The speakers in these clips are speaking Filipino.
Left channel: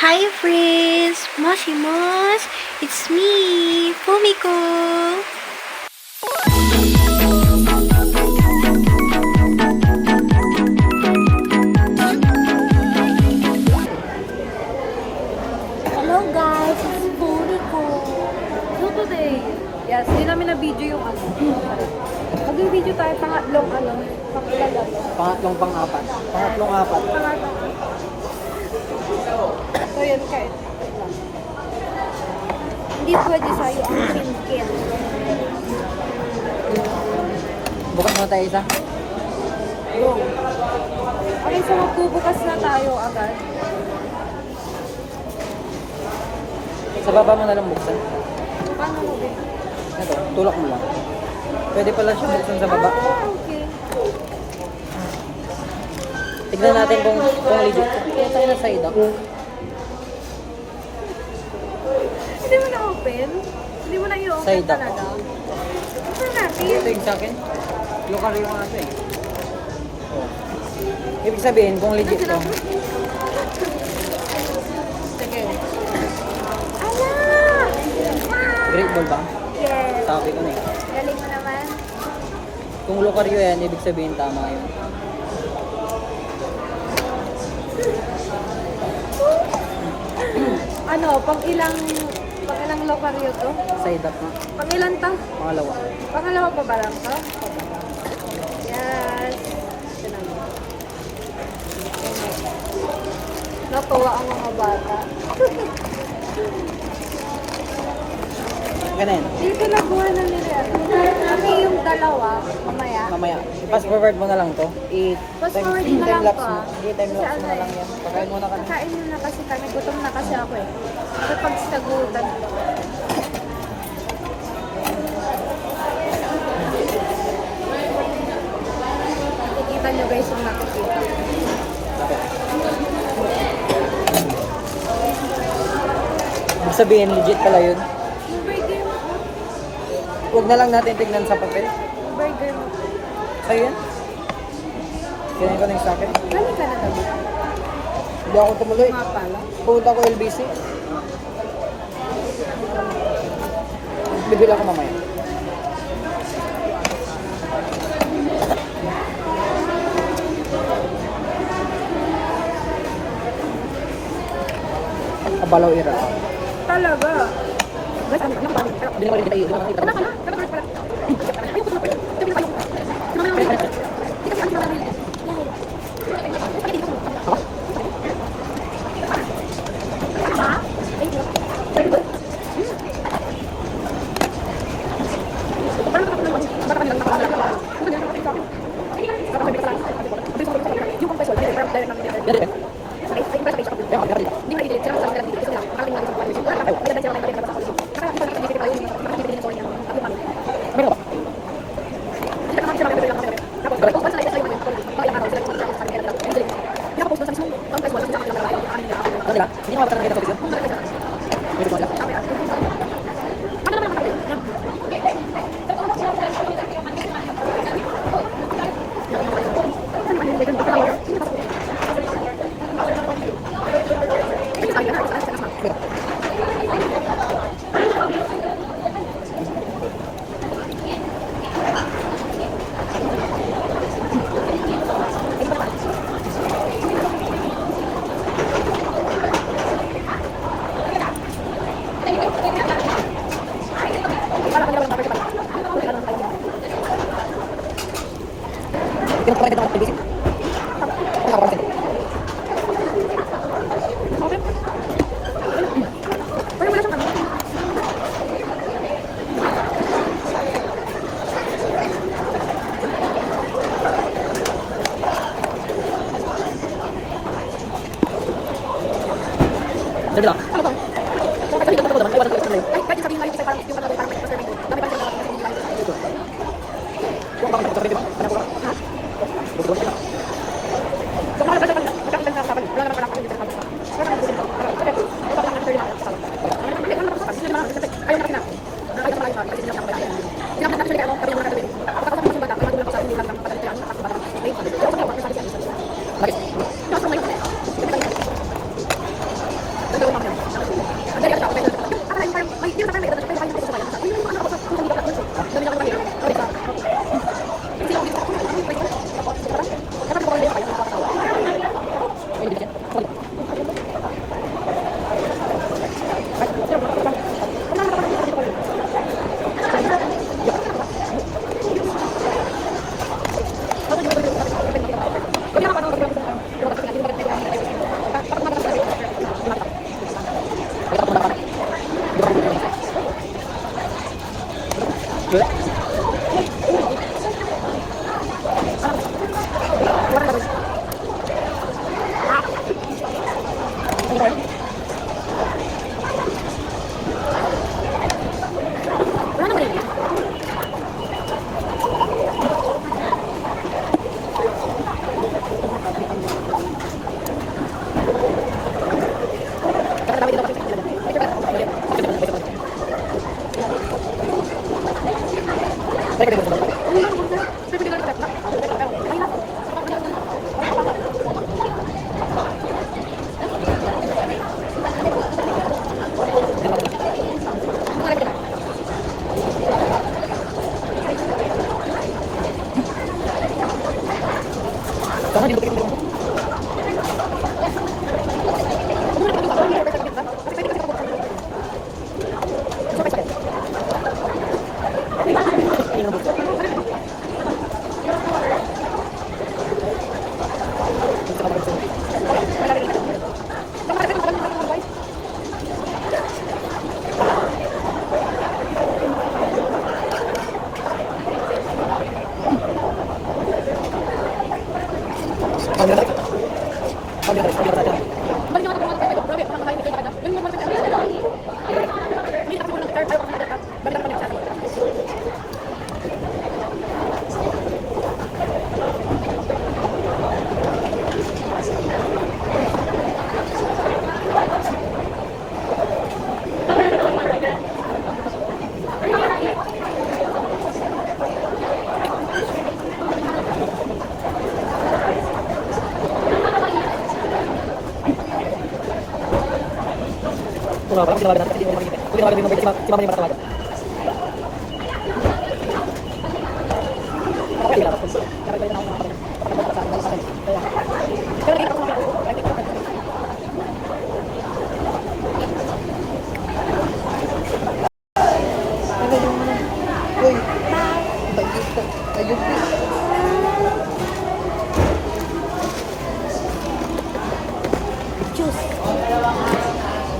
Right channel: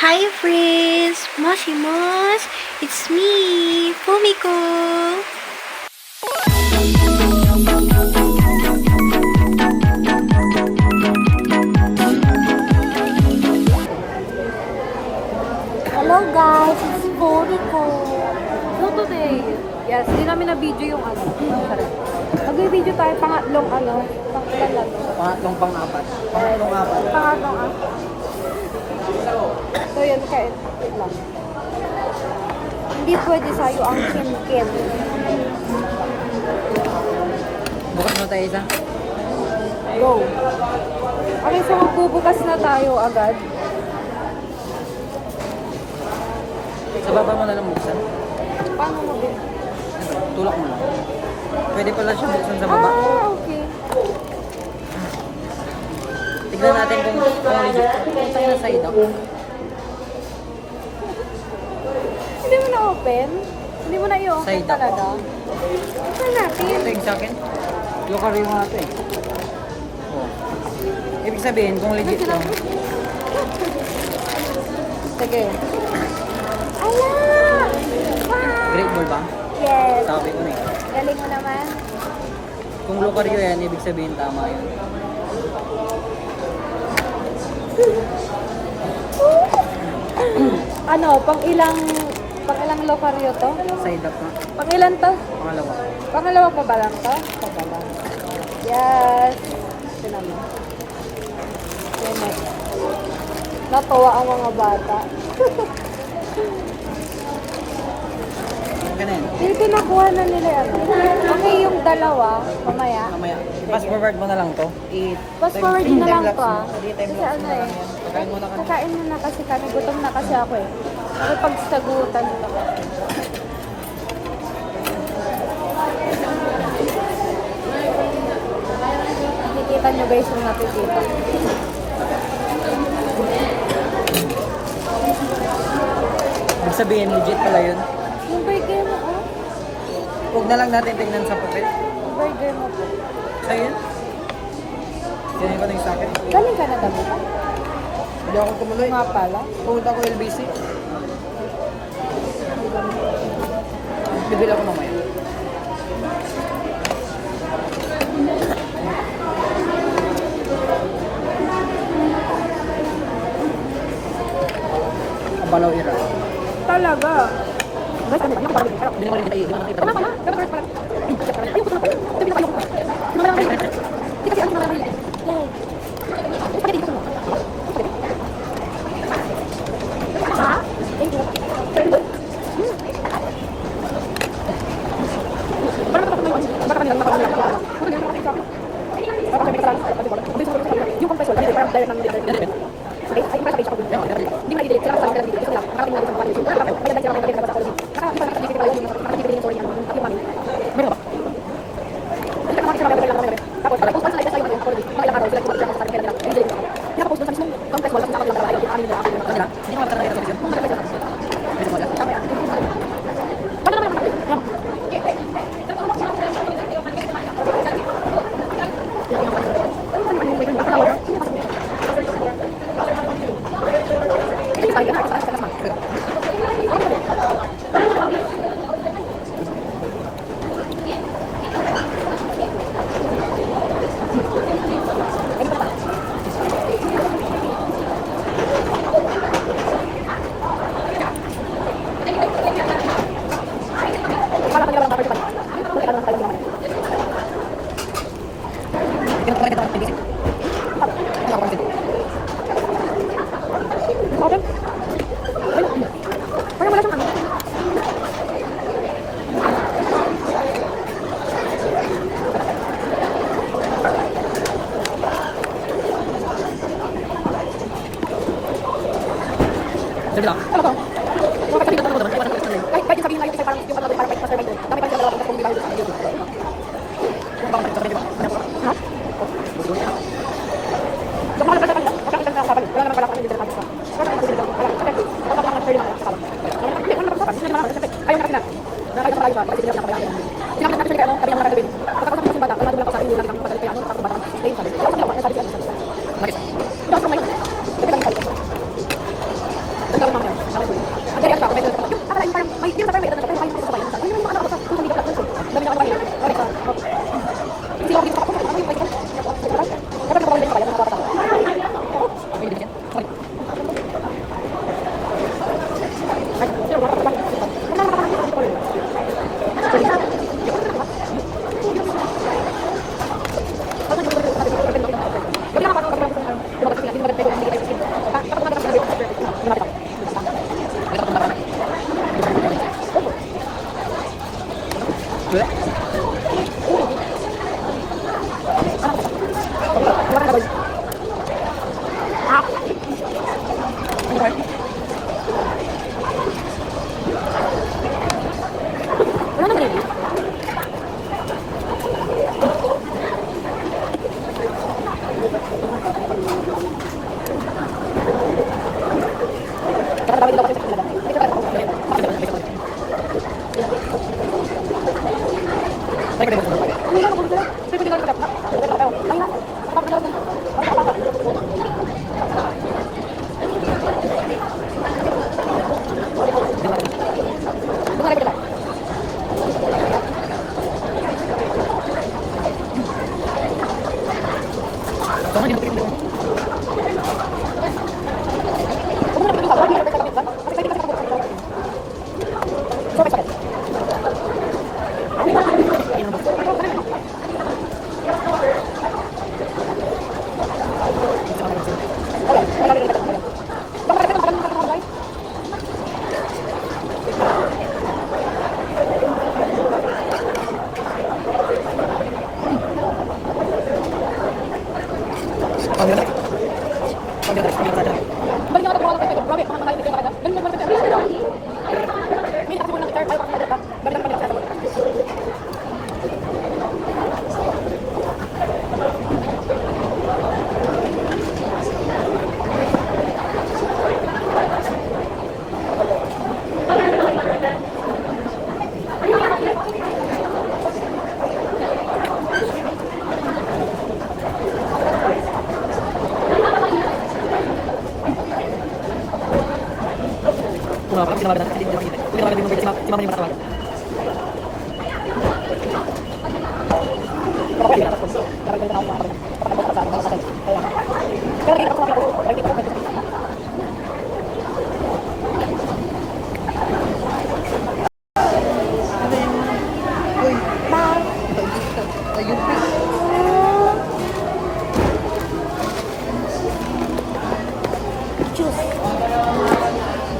Hi friends! Moshimos! It's me, Fumiko! Hello guys, it's Fumiko. So today, yes, hindi namin na-video yung Mag-video tayo pangatlong pang-ilan lang to. Pangatlong pang-apat. Pangatlong apat. Pangatlong So yun siya, wait lang. Hindi pwede sa'yo ang chicken. Bukas na tayo isa. Go. Okay, so magbubukas na tayo agad. Sa baba mo na lang buksan. Paano mo din? Ito, tulak mo lang. Pwede pala siya buksan sa baba. Okay. Tignan natin kung legit. Kung tayo na side up. Hindi mo na-open? Hindi mo na i-open Side up. talaga? Ito natin. Ito yung sa akin. Yung kari mo nga ito eh. Oh. Ibig sabihin kung legit to. Sige. Awa! Great ball ba? Yes. Sabi ko na eh. Galing mo naman. Kung lokaryo yan, ibig sabihin tama yun. Pang ilang lokaryo to? Side up nga. Pang ilan to? Pangalawa. Pangalawa pa ba lang to? Pa ba lang? Yes. Ito naman. Natuwa ang mga bata. Ganun. Yung pinakuha na nila Okay, yung dalawa, mamaya. Mamaya. I-pass forward mo na lang to. Fast forward mo na lang I-time-lapse to, mo. ah. I-time lapse Kasi mo na lang yan. Pagkain mo na kami. Kakain mo na kasi kami. Gutom na kasi ako eh. Nakipagsagutan pa. Nakikita nyo guys yung natututa. Ibig sabihin, legit pala yun. Yung burger mo, Huwag na lang natin tignan sa papel. Yung burger mo po. Ayun. Kaya ko na yung sakit. Galing ka na gabi ka? Hindi ako tumuloy. Nga pala. Pumunta ko LBC. Bibili ako mamaya. Abalaw ira. Talaga? Guys, ano ba? Hindi naman rin kita iyo. Tama ka na? Tama ka na? Ayoko na po. Ito pinakayoko ko. Hindi kasi ano marami. Sabi lang. Ay, pwede sabihin nga yung isa parang yung parang master mind ko. Dami parang dalawa kung hindi tayo dito. Huwag bakit sabi, di ba? Ha? Yung mga nagkakita ng usapan, wala naman pala ako yung nagkakita. Wala naman ako yung nagkakita. Wala naman ako yung nagkakita. Ayun na kasi na. Nakakita pa tayo pa, kasi sila naman pala. Sinabi natin sila, sabi naman natin, pagkakasama natin bata, wala lang sa inyo lang ng patalit lang, tapos bata, ayun sabi. Kaya sabi ko, sabi siya. Bakit? Tapos kung ngayon,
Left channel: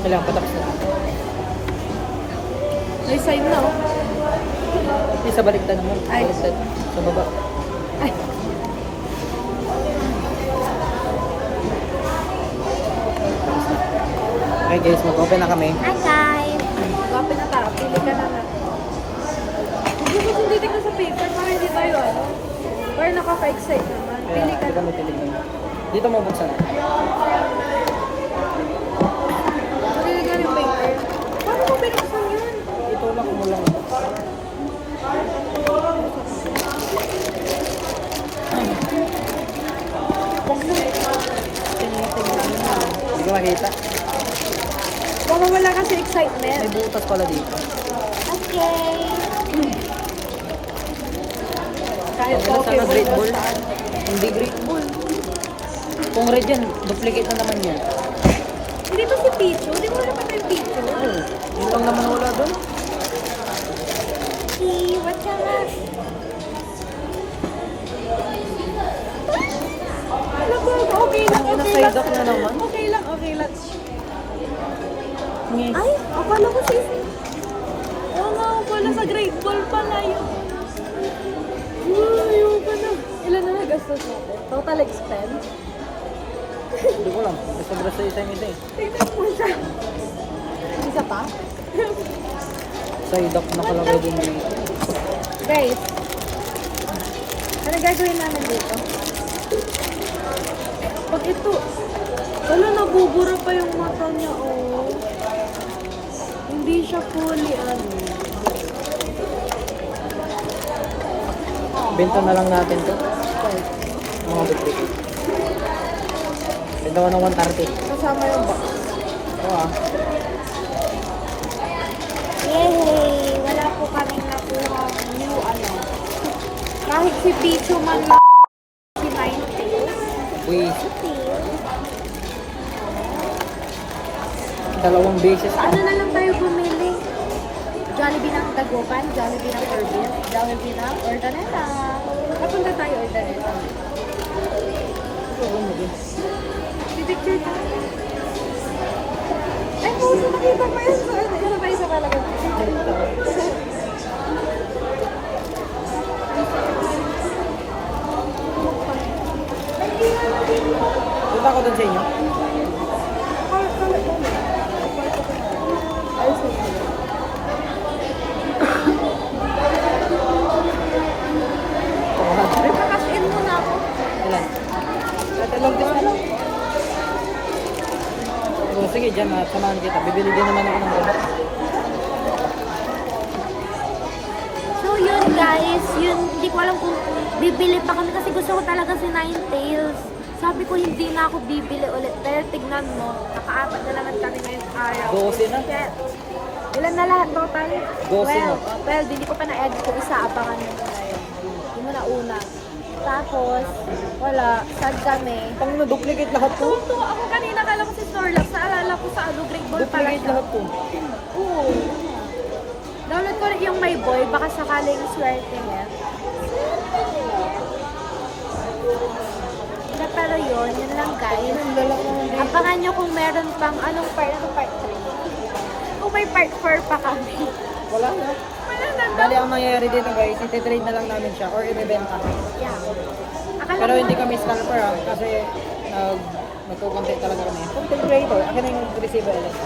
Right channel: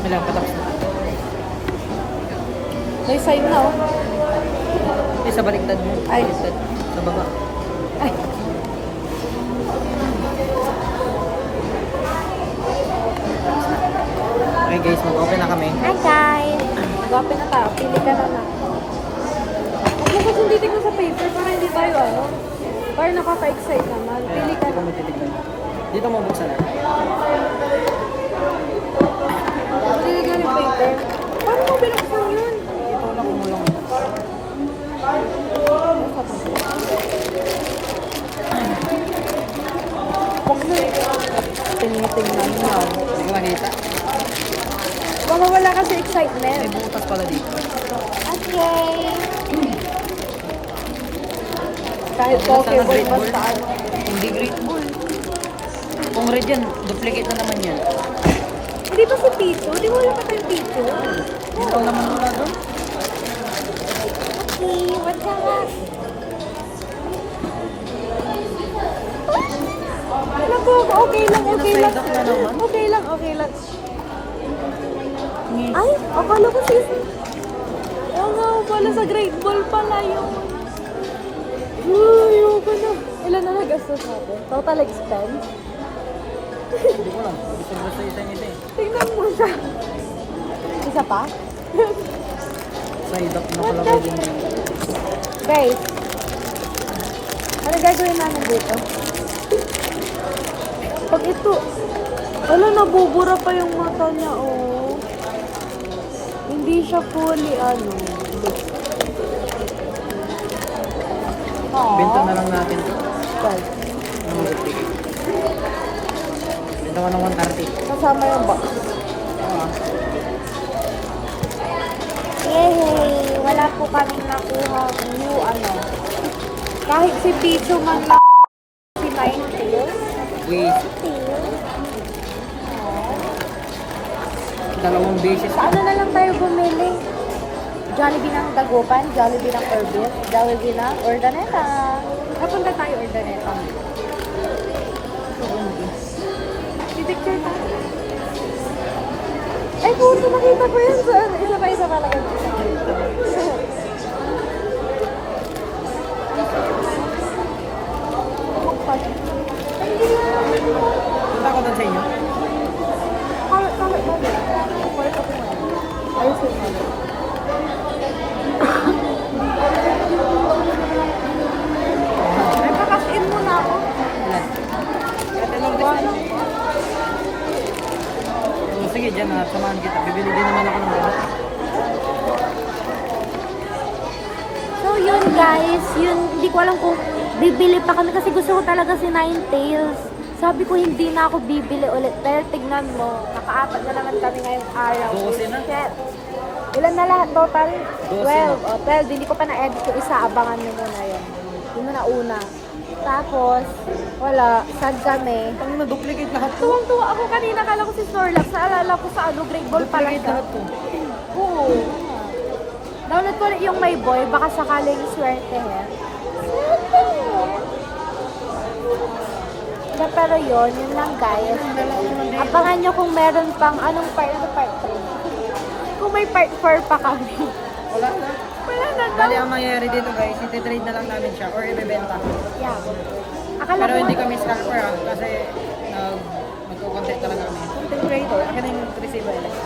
Kailangan patapos na. Sa'yo na, oh. Sa baliktad mo. Ay. Baliktad. Sa baba. Ay. Okay guys, mag-open na kami. Hi guys! Mag-open na tayo. Pili ka na na. Huwag mo kasi hindi tingnan sa paper para hindi tayo ano. Para nakaka-excite naman. Kaya, Pili ka di ka na. magtitignan. Dito mo buksan na. Pili ka ng paper. Paano mo binuksan yun? Ito lang kumulong. Huwag mo. Tingnan na. Hindi ka makita. Baka wala kasi excitement. May butas pala dito. Okay. Kahit Okay na sana Great Ball. basta. Hindi Great Ball. Kung red yan, duplicate na naman yan. Dito si Pichu. Di mo wala pa tayong Pichu. Yun lang naman wala doon. Okay, what's up? Okay lang, Ay, okay na-side lang. up na naman. Okay lang, okay lang. Yes. Ay, akala ko si... Oo nga, pala sa Great Ball pala yun. Uy, ayoko na. Ilan na nagastos natin? Total expense? Hindi ko lang. Gusto bro sa isang ito eh. Tingnan mo siya. Isa pa? Side up na pala kayo din dito. Guys, ano gagawin namin dito? Pag ito, wala, nabubura pa yung mata niya, oh. Hindi siya fully, ano. Benta na lang natin to. Well, Mga duplicate. Benta ko ng 130. kasama yung box. Oo, ah. Yay! Wala po kami nakuha new ano. Kahit si Pichu man na si Ninetales. Wait, Cute. dalawang beses. Sa ano na lang tayo bumili? Jollibee ng Dagupan, Jollibee ng Corbin, Jollibee ng Ordaneta. Kapunta tayo Ordaneta. Picture tayo. Ay, puso, nakita ko yun sa ano. Wala pa isa talaga. Punta ko doon sa inyo. Ayos yung ano. Nagpa-cash in muna ako. Ilan? Katalog din lang. Oh, sige, dyan na. Samahan kita. Bibili din naman ako ng gamot. So yun guys, yung hindi ko alam kung bibili pa kami kasi gusto ko talaga si Ninetales. Sabi ko hindi na ako bibili ulit dahil tignan mo, nakaapat na naman kami ngayong araw. 12 na? Shit. Ilan na lahat total? 12 na. 12. Oh, 12, hindi ko pa na-edit yung isa, abangan mo muna yun. Yun muna una. Tapos, wala, sad kami. Pang na-duplicate lahat to. Tuwang-tuwa ako kanina, kala ko si Snorlax, naalala ko sa ano, Great Ball pala Duplicate siya. lahat to. Oo. Download ko rin yung My Boy, baka sakaling swerte he. Pero yun lang guys. Abangan nyo kung meron pang anong part 3. Kung may part 4 pa kami. Wala na. Wala na Bali, ang mangyayari dito guys, iti-trade na lang namin siya or ibebenta. Akala Pero mo- hindi kami scalper ah, kasi nagko-content talaga kami. Content creator, akin na yung receiver LS.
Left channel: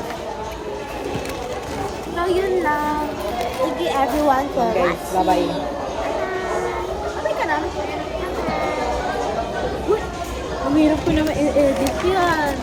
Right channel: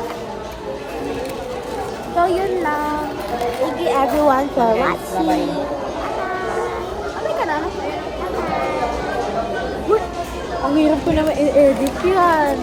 So yun lang. Thank you everyone for Okay, watching. bye-bye. Bye-bye ka na. Uy, ang hirap ko naman i-edit yan.